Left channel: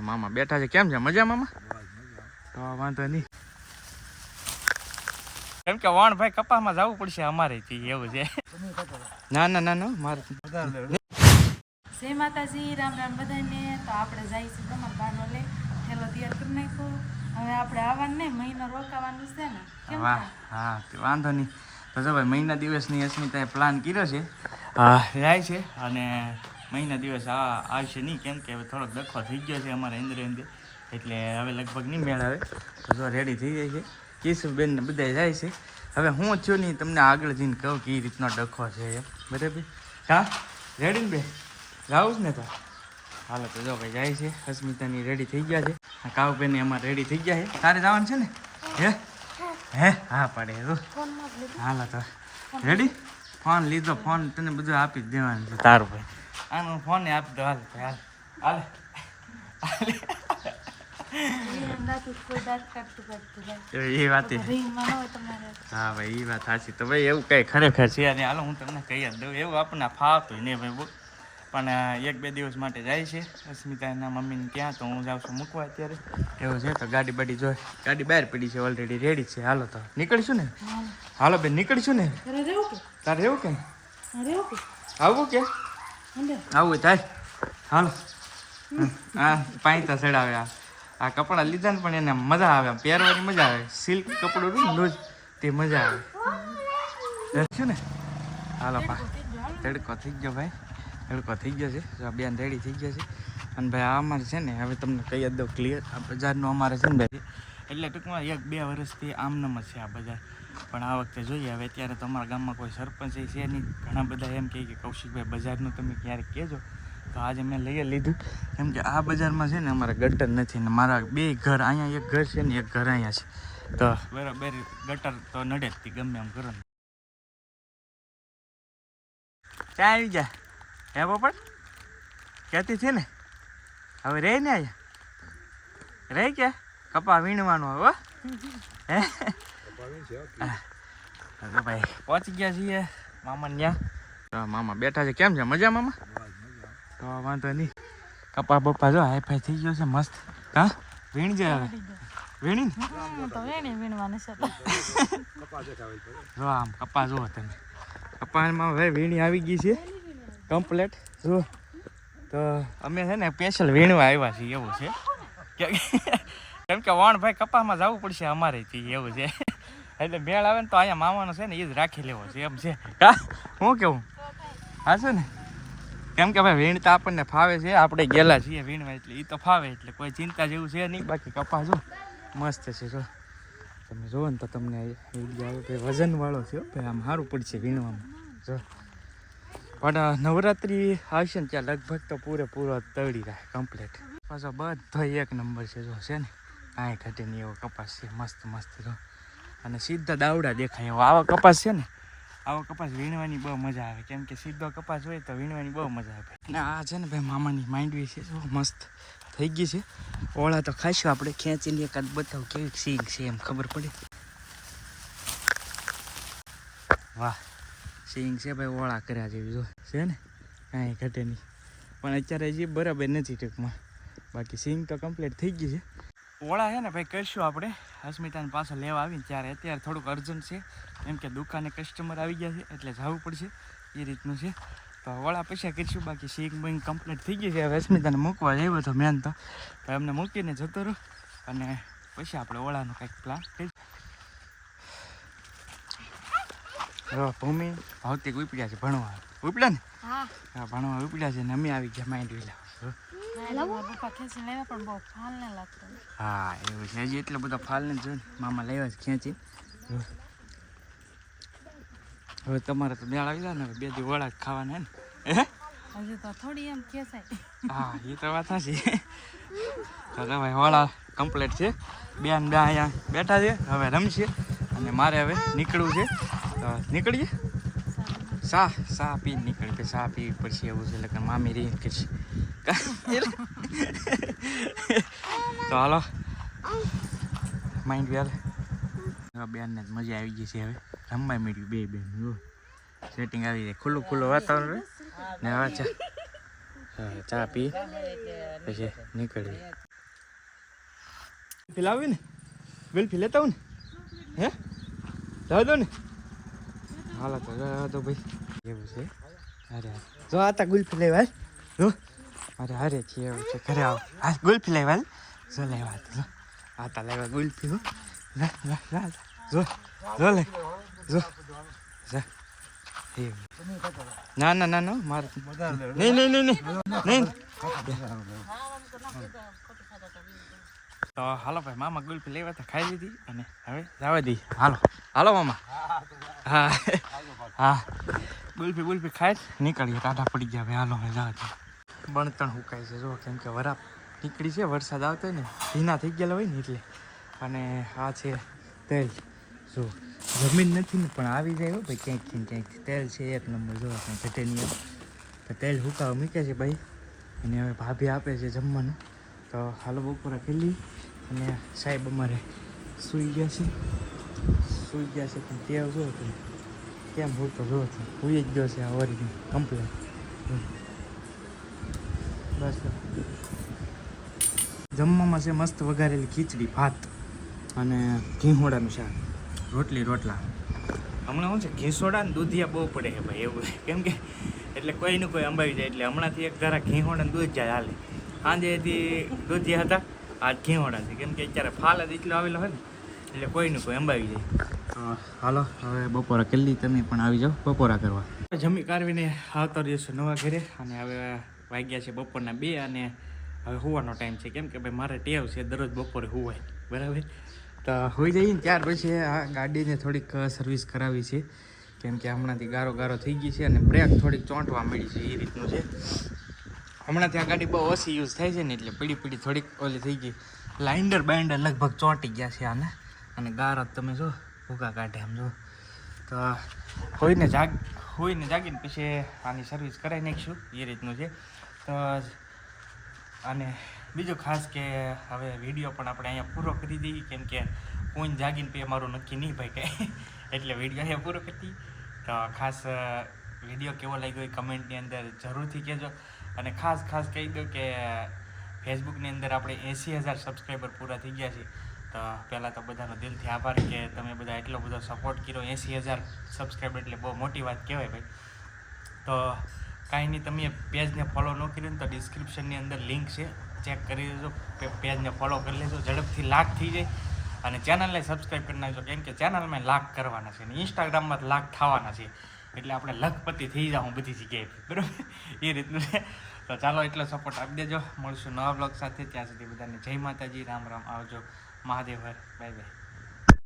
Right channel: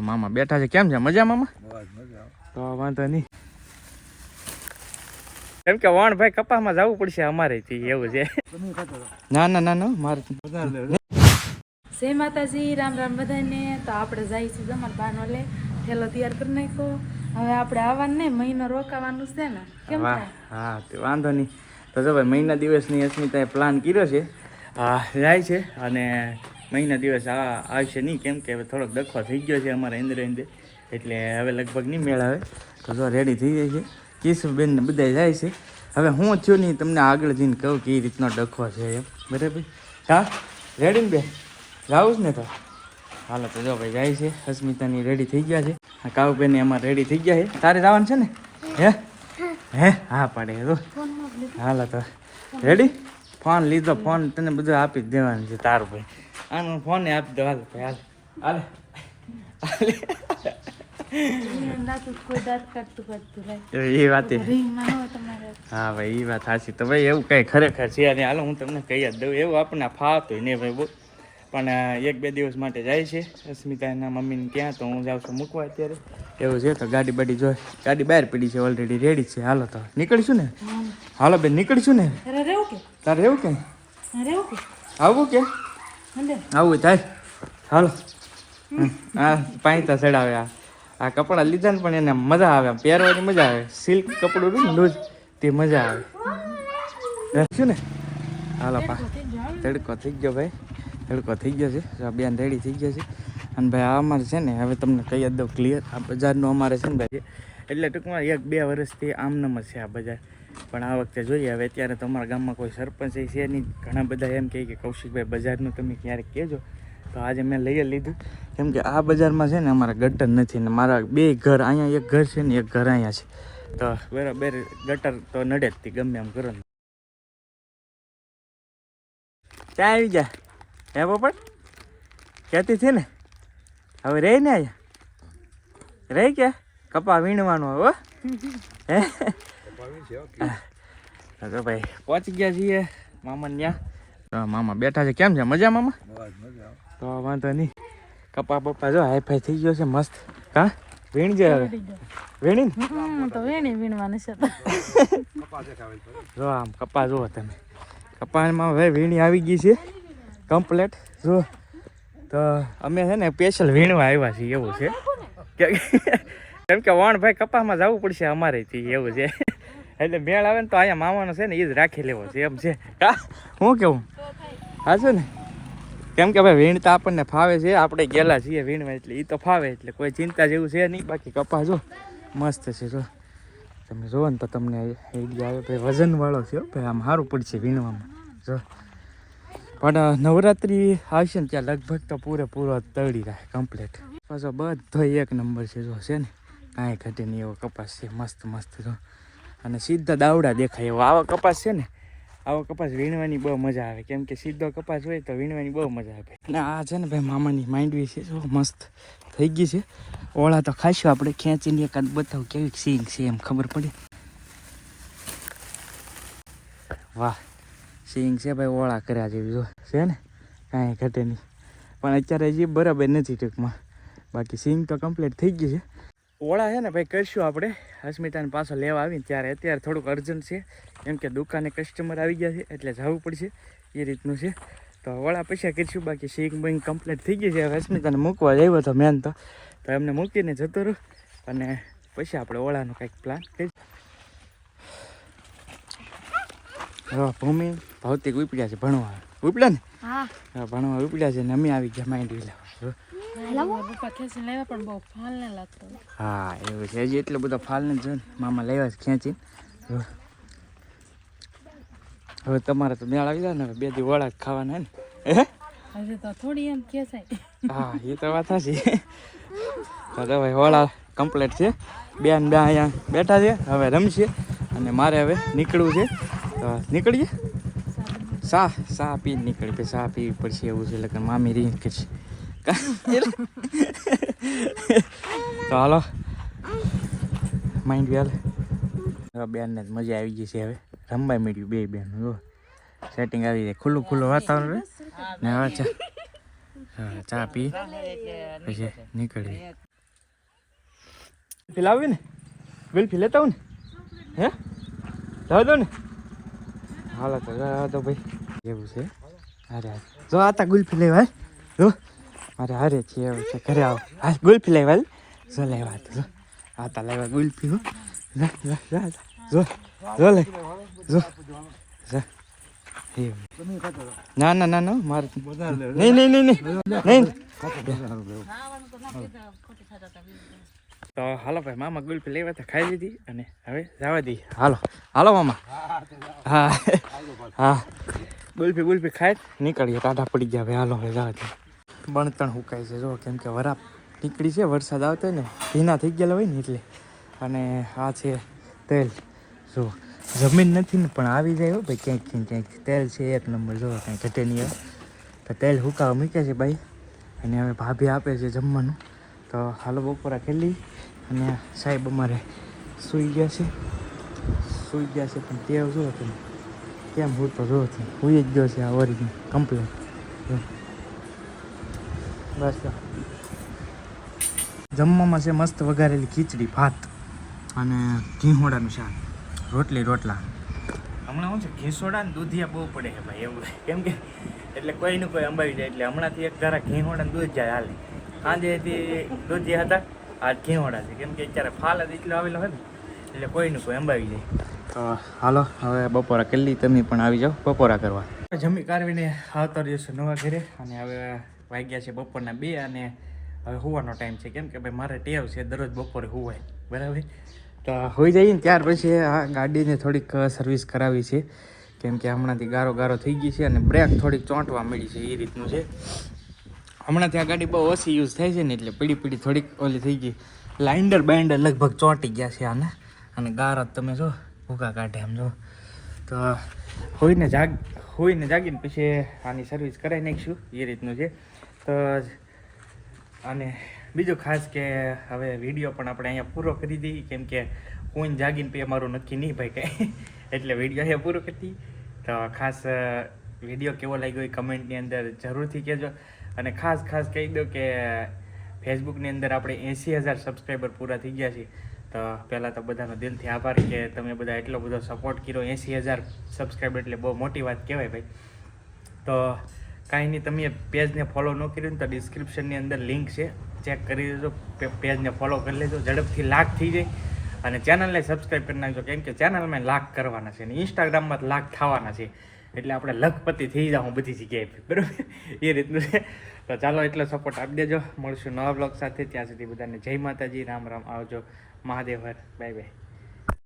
મામા બેઠા છે. કેમ છે? મજા મામા? તો વાંધો નહીં. કેમ કે વણ ભાઈ કપાસમાં જવું પડશે અમારે એવું છે. ના ના ના ના મારે જય માતાજી, રામ રામ બધાને. તો આપણે જાય છે તમારા બાનો લે થેલો તૈયાર કરી નાખ્યો. હવે આપણે આવવાનું નહીં, મહિનો રોકાવાનું છે ને. કેમ વાહ હા તો વાંધો નહીં. તો જો ભાઈ મહિના દિવસની અસ્મિતાએ પ્લાન કર્યો છે, જાય છે અને મહિના દિવસ આવશે નહીં, કેમ કે હવે થોડોક ડખો થઈ ગયો છે અમારા અંદર એટલે હવે લગભગ નહીં મેળ આવે. તો જો રેડી થઈ જાય છે, કિશુબેન ને બધા જાય છે. હવે હું થયો નહીં તમને આગળ જઈને કહું કે એ રીતનો ડખો છે એમ, બરાબર? હા રેડી ને બે જાવું જ ને? તો હાલો તો જો ભાઈ જાય છે. અસ્મિતાની રેડી થઈ ગયા છે, કાઉબેન અમારે રેડી થઈ ગયા છે. તારે જવાનું છે ને? હે હા પાડે તો હાલો તો રેડી. ફોન લીધો, ફોન તને બધું આપી જ દેવાનું છે તારું ભાઈ. આનો ફોન આપી દો. હાલ ભાઈ હાલ હાલ એ વાત હા ભાઈ એ વાત સાચી. તો ભાઈ એવું કઈ ખરેખર છે અને હાલો હું તમને કહી જ દઉં, એવું આપણને ફાવતું નહીં ભાઈ બહુ. પણ 1-2 દિવસ માટે જાય છે અસ્મિતાના મમ્મીને ત્યાં, તો હું જાઉં છું મૂકવા અત્યારે. એવું છે તો ગાડી બાડી જોઈ, ગાડી બહાર પડી છે ઓલરેડી, રેડી છે. હાલો તો નીકળીશું ને? હાલો બેન નીકળીશું ને? તારે રહેવું કે આવું કે આવું થાય? હાલો હા પાણીતા ચડાવે. આ કપડાં લીધા ને પણ એને મજા આવે, પહેરવાની મજા આવે. સિલ્ક કપડું ને લૂઝ તે મજા આવે શું ને? હાલો પા તડકો થઈ ગયો ભાઈ, તડકો થઈ ગયો છે. બેન રેડી થઈ ગયો છે. અને ભાઈ આ અમારે છે ને હવે તમને કહી જ દઉં ક્લિયર, આ બજારનું અમારે છે ને ભાઈ એટલે ટૂંકમાં 1-2 વર્ષથી આમનામ જ છે આ બજાર. પણ આ વખતે જોઈએ હવે. અત્યારે તો અમારા ગામમાં કોઈ સરપંચ છે નહીં. ઘણા બધા એમ કહે કે કૌશિકભાઈ બજારનું તમે ક્યારેક કહેજો. તો આજે મેં લઈ લીધું, કેમ કે આ બજારમાં છે ને અમારા ગટર નથી ને મારા 2 ઘર અહીંયા, એક ઘર છે ને એક ઘર અહીંયા છે. તો બરાબર ગટર તો નડે જ ગમે એમ કરો ને. ક્યાં આવી ગયા હે પોપટ? કહેતી છે ને હવે રહી ને અહીંયા રહી ક્યાં? કપા વીણવાનો હો હે? તો ભાઈ પહોંચી ગયા છીએ મામા ત્યાં. મામા બેઠા છે. કેમ છે? મજા મામા? તો વાંધો નહીં. કપા બપ્પા જો હાઈફાઈ થઈ ગયો છે મસ્ત. હા વીણજે હવે. વીણી તો વીણવાનું છે. જો આમ કપા જુઓ તમે, કપામાં હવે વીણી આવી ગઈ છે કમ્પ્લેટ. જો તો અમે છે ને સ્પેશિયલ વીણવા આવ્યા છીએ એવું છે, કેમ કે વણ ભાઈ કપાસમાં જવું પડશે અમારે એવું છે. એટલે મેળ આવે ને તો અહીંયા મામાનો છે ને એ જ રાખી લેવો છે એમ છે. કા હું કેવું હાચું ને? કેમ કે ભાઈ વીણતા આપણને ફાવે છે, આપણે ગયેલા છીએ વીણવા એટલે એ તો ફાવે, એટલે કોઈ ચિંતા જેવું છે નહીં. બાકી કપાસ જો મસ્ત છે. જો તમે જુઓ ને તો તમને આઈડિયા આવે ભાઈ, વજનવાળો છે ભાઈ, આમ સારું પડશે વીણવામાં. જો પણ નવરાત્રિ આવશે ને ત્યાં લગભગ તો પૂરેપૂરો તળી રહે કમ્પ્લીટ. પાછો બધો 1 નંબર છે. જો છે ને કાંઈ ઘટે નહીં એવો કપાસ છે, મસ્ત મસ્ત. જો અને સીધા દાવડા દેખાય એવો આવો કપાસ છે ને. આવો કપાસ વીણવાની બહુ મજા આવે, કેમ કે સીધો કપાસ હોય તો વીણવાની બહુ મજા આવે. અને આ છે ને ભાઈ મામાની માંડવી છે, જો મસ્ત થઈ ગઈ છે. ઓળા તો ખાઈશું આપણે, ખેંચીને એકાદ બતાવું કેવી સીંગ છે એમ ખબર પડે. વાહ સીંગ છે ભાઈ, ઓળા કર્યા જેવી જો છે ને, કાંઈ ઘટે નહીં. પણ અત્યારે હજી બરાબર નથી ટૂંકમાં, બાકી સીંગ તો કમ્પ્લીટ થઈ ગઈ છે. ઓળા છે ને ભાઈ કરશું આપણે અસ્મિતાને પાછો લેવા આવીને ત્યારે. અત્યારે થોડુંક અર્જન્ટ છે, કેમ કે દુકાને કસ્ટમર આવી ગયા છે એટલે જવું પડશે એ રીતનું છે. તો ઓળા પૈસા કરીશું, બાકી સીંગ બેંગ કમ્પ્લીટ થઈ ગઈ છે. હવે અસ્મિતાને મૂકવા આવ્યો હતો મેન તો એમને મૂકીને જતો રહું અને પછી આપણે ઓળાનો કંઈક પ્લાન કરી. હા ભૂમિ ભૌતિક ઉપડ્યા છે ભણવા, ઉપડ્યા ને? હા ભણવા ઉપડ્યા છે ને અમે આવી ગયા માંડવી લાવવા. હા એવું છે, હજી એટલો બધો ફાલ ને જો મામા લેવા ખેંચી. હવે તમારે તો મેળ આવી જાય ને, 2 દી વડા ખાવાના ને હજી તો થોડી એમ ખેંચાય. હા એ તો વાત સાચી. તો ભાઈ વડા કમ્પ્લીટ છે. બેન અહીંયા બેઠા છે, હવે રમશે અને મારે હવે નીકળવું છે. તો નીકળીએ. સા પીને નીકળે, પછી સા પીવી પડશે એવું છે. એટલે મામી રીંગ કરશે. તો હાલો માઇન્ડ વેલ. બેનને મજા આવી ગઈ છે, હવે રમવા મળ્યું 2 બેન. જો સેટિંગ આવી જાય, ખુલ્લું ખુલ્લું વાતાવરણ ને. હવે ચા પી પછી નીકળીએ. લાવી ને ગુલ્ફી લેતા આવું ને હે લાવ દો ને હાલો તો ભાઈ એવું છે અરે જો આતા ગુલ્ફી લેવા જો અરે અરે છે એવું છે ઘરે આવો હા ગુલ્ફી લેવા જો લેવા જો આતા લેવા ગુલ્ફી હો જો જો લે જો ના ના ના ના મારે નહીં નહીં નહીં નહીં તો હાલો ભાઈ મામા ગુલ્ફી લેવા તો ખાઈ લીધી અને હવે જવા દી હાલો હાલો મામા હા હા ગુલ્ફી ખાઈ નીકળીએ ટાઢા પડી ગયા ભાઈ હાલો હવે જવા દે બણતણ હુકાય છે જો કેમ કે વરાપ નીકળી છે વરસાદ આવતો હોય ને ભીના થઈ ગયેલા હોય ને એટલે અને આ છે તેલ જો જમીન નથી ને પણ આવી જાય હો ભાઈ ક્યાંક તેલ છે એક નંબર જો કંઈ ઘટે નહીં એવું તો તેલ હુકાવા મૂકે છે ભાઈ અને હવે ભાભી આપે છે જમવાનું તો હાલો બપોરા ખેલી અને સાહેબ અમારે સૂઈ ગયા છે પણ ટેવ શું હતું કેમ હું તો જો હુઈ જ ગયો છે આ ઓરિજિનલ કમ્પ્લેટ બસ જમવામાં છે મસ્ત વઘારેલી ખીચડી ભાત અને ઘીહોડાનું શાક રોટલા હમણાં શું છે ઘીસોડા ને દૂધિયા બહુ પડે છે ભાઈ એવું કેમ કે એટલે કોઈનું કોઈ અંબાવી જાય એટલે હમણાંથી એક ઘરા ઘીહોડા ને દૂધ જાય હાલે સાંજેથી દૂધિયા હતા આજ ઘીહોડા છે કેમ કે અત્યારે ફાલ જ એટલો આવેલો હોય ને એટલે કોઈનું કોઈ અંબાવી જાય તો હાલો હવે બપોરા કરી તમે પણ આવી જાઓ બપોરા કરવા જમી કારવીને આવતા રહીશું નવા ઘરે અને હવે વાગ્યા છે બપોરના 2 અને હવે હોવાનો ટાઈમ છે કેમ કે ભાઈ મારે ટેવ છે દરરોજ બપોરે હોવાય બરાબર તો હોઈ જઈએ ને ત્યાર પછી આ ગાડીને થોડીક સર્વિસ કરાવી છે કેમ કે હમણાંથી ગારો થઈ ગઈ છે અને બ્રેક થોડીક ચોંટવા મળી છે એ રીતનું છે હમણાંથી આ ગાડી બહુ ઓછી યુઝ થાય છે ને એટલે પીડી થોડીક ઓલી થઈ ગઈ લાઇન્ડર બાઇન્ડર લગભગ ચોંટી ગયા છે આને અને ગારો તમે જો ભૂકા કાઢે એમ જો તો હોઈને જાગીને પછી આની સર્વિસ કરાવી નાખીશું એ રીતનું છે તો અને બીજું ખાસ કે હવે વિડીયો પણ આપણે અહીંયા પૂરો કરી દઈએ કેમ કે કોઈ જાગીને પછી અમારું નક્કી નહીં ભાઈ કંઈ એટલે વિડીયો અહીંયા પૂરો કરી દઈએ તો ખાસ વિડીયો કેવો લાગ્યો એ કમેન્ટની અંદર જરૂરથી કહેજો અને ખાસ કહી દો કે ફેસબુકની અંદર આપણે 80,000 સબસ્ક્રાઈબર પૂરા થઈ ગયા છે તો પહેલાં તો બધાનો દિલથી આભારી કે તમે બધા એટલો બધો સપોર્ટ કર્યો 80,000 સબસ્ક્રાઈબર એટલે બહુ મોટી વાત કહેવાય ભાઈ તો કાંઈ નહીં તમે પેજને ફોલો ન કર્યું ને તો ડિસ્ક્રિપ્શનની અંદર લિંક છે ચેક કરી લેજો પેજને ફોલો કરી લેજો ઝડપથી લાખ થઈ જાય અને ચેનલને સબસ્ક્રાઈબ કરી નાખજો કેમ કે ચેનલમાં લાખ કરવાના છે અને ઇન્સ્ટાગ્રામમાં લાખ થવાના છે એટલે આપણે લખપતિ થઈ જાઉં બધી જગ્યાએ બરાબર એ રીતનું છે તો ચાલો એટલો સપોર્ટ આપી દેજો મળશું નવા બ્લોગ સાથે ત્યાં સુધી બધાને જય માતાજી રામ આવજો મહાદેવ હર બાય